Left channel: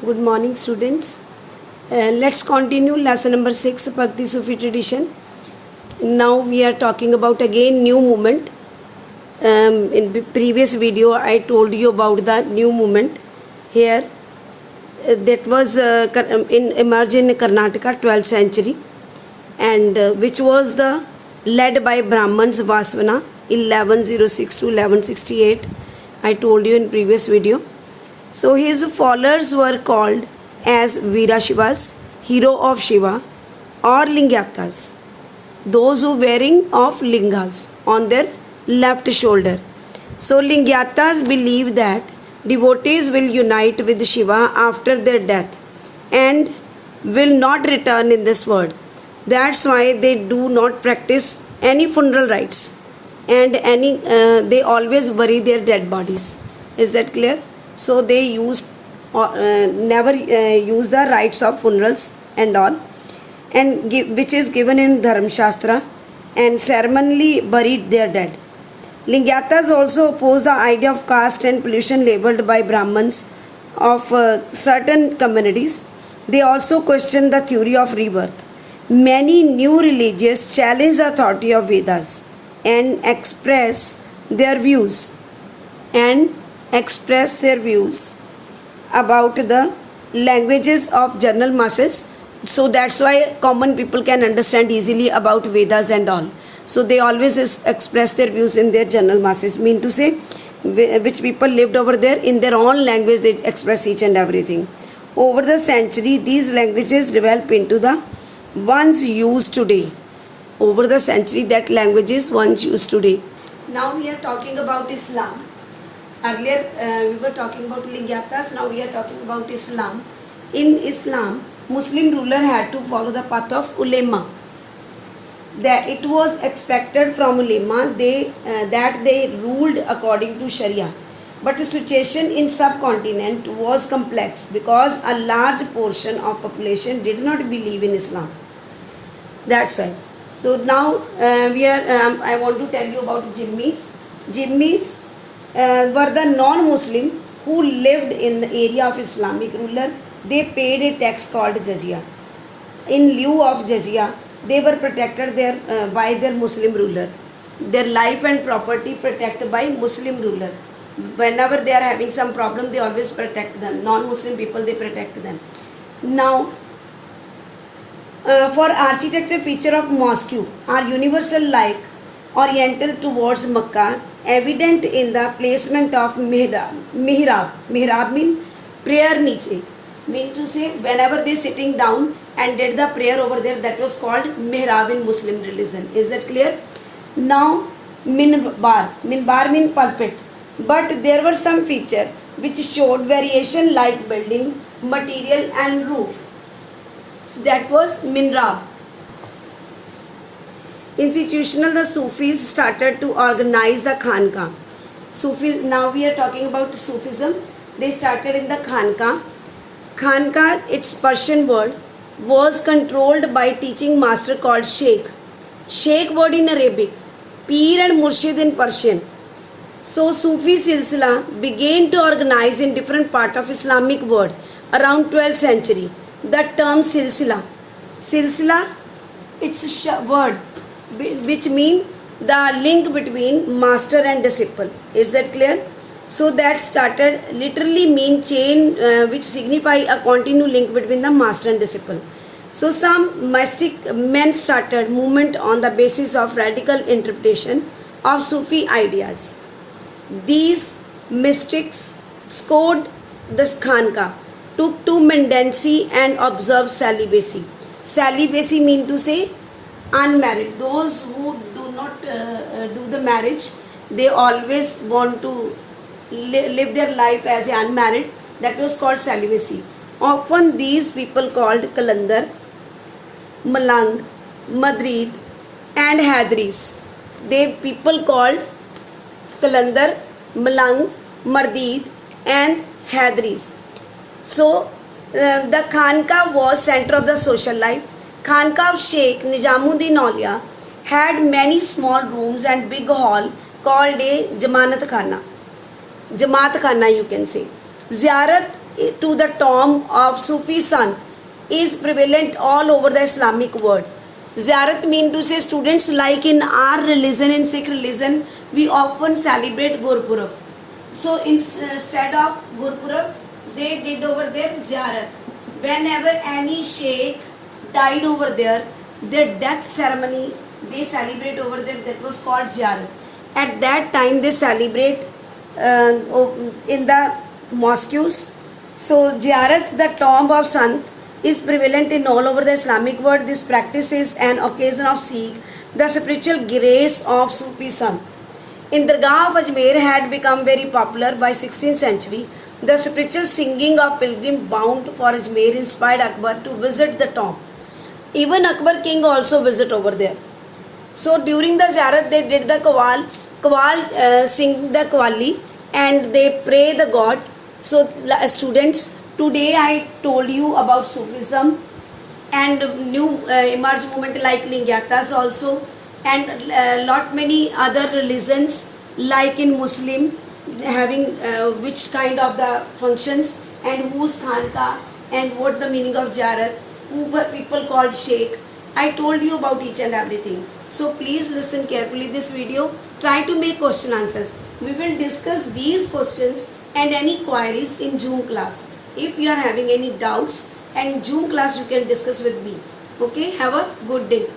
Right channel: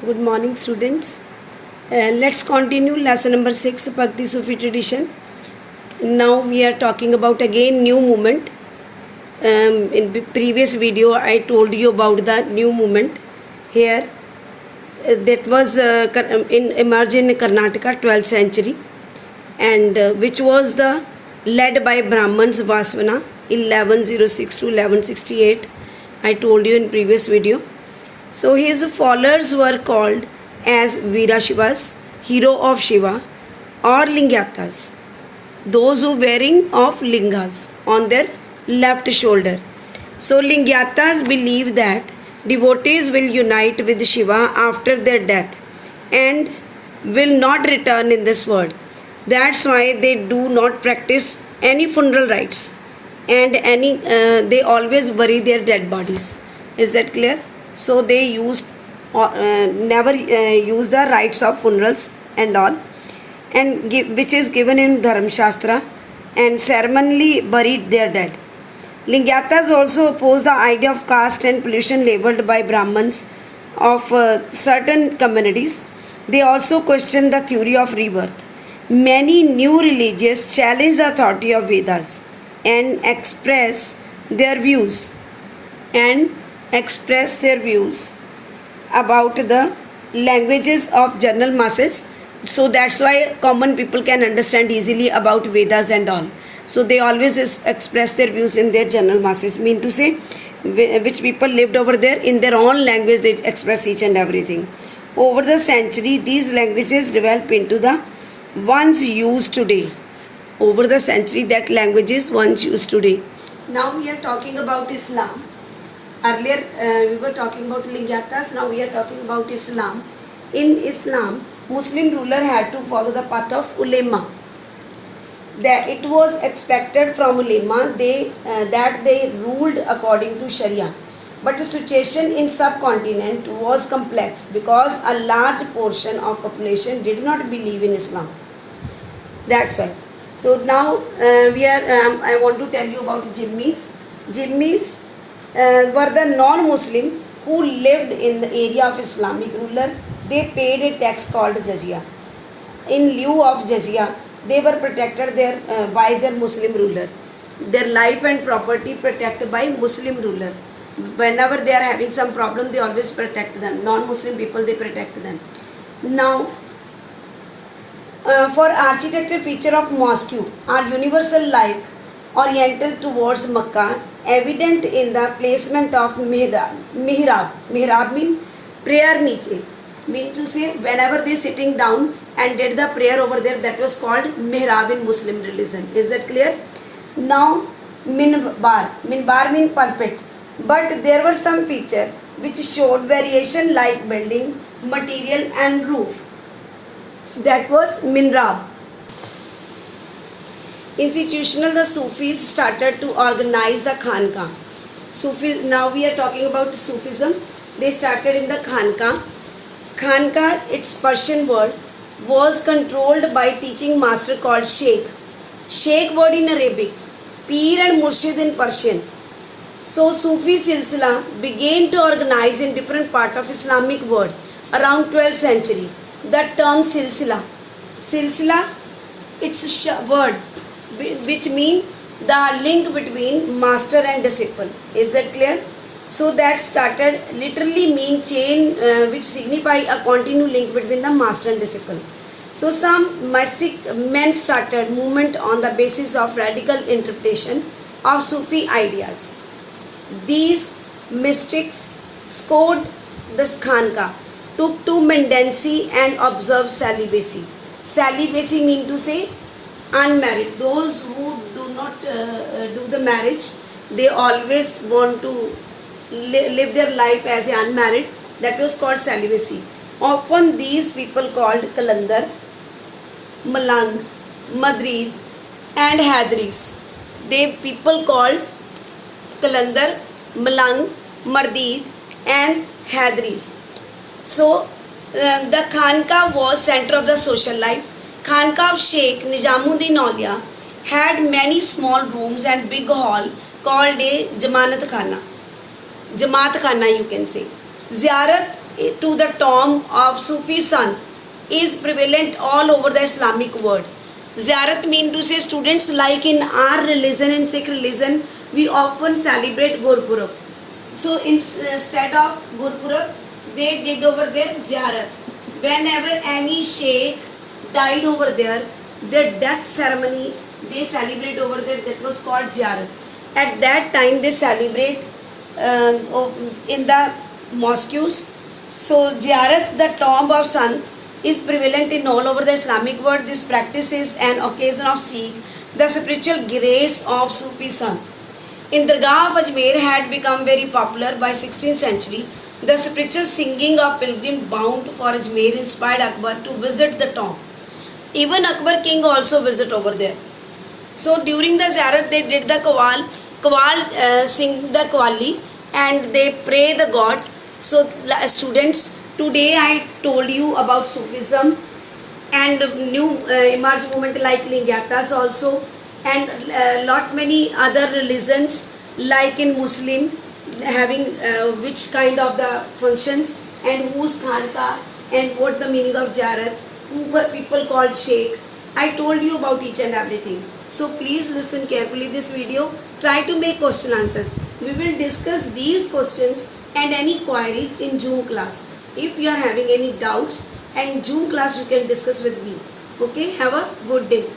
Good morning, students. Let's continue lesson number 6, Bhakti Sufi tradition. Now we are talking about again new movement. In the previous video, I told you about the new movement. Here, that was emerged in Karnataka, 12th century, and which was the led by Brahmans Vasvana, 1106 to 1168. I told you in previous video. So his followers were called as Virashivas, hero of Shiva, or Lingyatas, those who wearing of lingas on their left shoulder. So Lingyatas believe that devotees will unite with Shiva after their death and will not return in this world. That's why they do not practice any funeral rites and they always bury their dead bodies. Is that clear? So they never use the rites of funerals and all, and which is given in Dharma Shastra, and ceremonially buried their dead. Lingyatas also oppose the idea of caste and pollution labeled by Brahmins of certain communities. They also question the theory of rebirth. Many new religions challenge the authority of Vedas and express their views about the languages of general masses. So that's why common people can understand easily about Vedas and all. So they always express their views in their general masses, mean to say which people lived over there in their own language, they express each and everything. Over the century, these languages develop into the ones used today. Over the century, that language is ones used today. Now we are talking about Islam. Earlier we were talking about Lingyatas, now we are talking about Islam. In Islam, Muslim ruler had to follow the path of ulema. That it was expected from ulema that they ruled according to Sharia. But the situation in subcontinent was complex because a large portion of population did not believe in Islam. That's why. So now I want to tell you about Jimmis. Jimmis were the non-Muslim who lived in the area of Islamic ruler. They paid a tax called jizya. In lieu of jizya, they were protected by their Muslim ruler. Their life and property protected by Muslim ruler. Whenever they are having some problem, they always protect them. Non-Muslim people, they protect them. Now, for architecture feature of mosque are universal like oriental towards Makkah, evident in the placement of mihrab. Mihrab means prayer niche. Mean to say whenever they sitting down and did the prayer over there, that was called mihrab in Muslim religion. Is that clear? Now minbar. Minbar means pulpit. But there were some feature which showed variation like building, material and roof. That was minrab. Institutional, the Sufis started to organize the Khanka. Now we are talking about Sufism. They started in the Khanka. Khanka, its Persian word, was controlled by teaching master called Sheikh. Sheikh word in Arabic, Peer and Murshid in Persian. So Sufi Silsila began to organize in different part of Islamic world around 12th century. The term Silsila, it's a word which mean the link between master and disciple. Is that clear? So that started literally mean chain which signify a continued link between the master and disciple. So some mystic men started movement on the basis of radical interpretation of Sufi ideas. These mystics scored the Khanka, took to mendicancy and observed celibacy. Celibacy mean to say unmarried. Those who do not do the marriage, they always want to live their life as unmarried. That was called celibacy. Often these people called Kalandar, Malang, Madrid and Hadris. They people called Kalandar, Malang, Madrid and Hadris. So the Khanka was center of the social life. Khanka of Sheikh Nizamuddin Aulia had many small rooms and big hall called a Jamaat Khana you can say. Ziyarat to the tomb of Sufi sant is prevalent all over the Islamic world. Ziyarat mean to say, students, like in our religion, in Sikh religion, we often celebrate Gurpurab. So instead of Gurpurab, they did over there Ziyarat. Whenever any sheikh died over there, their death ceremony they celebrate over there, that was called Ziyarat. At that time they celebrate in the mosques. So Ziyarat, the tomb of Sant, is prevalent in all over the Islamic world. This practice is an occasion of seek the spiritual grace of Sufi Sant. In the Dargah of Ajmer had become very popular by 16th century. The spiritual singing of pilgrim bound for Ajmer inspired Akbar to visit the tomb. Even Akbar king also visit over there. So during the Ziyarat they did the Qawwal sing the Qawwali and they pray the God. So students, today I told you about Sufism and new emerge movement like Lingyatas also, and lot many other religions like in Muslim having which kind of the functions and whose khanka and what the meaning of Ziyarat, who were people called Sheikh. I told you about each and everything. So please listen carefully this video. Try to make question answers. We will discuss these questions and any queries in Zoom class. If you are having any doubts, and Zoom class you can discuss with me. Okay, have a good day.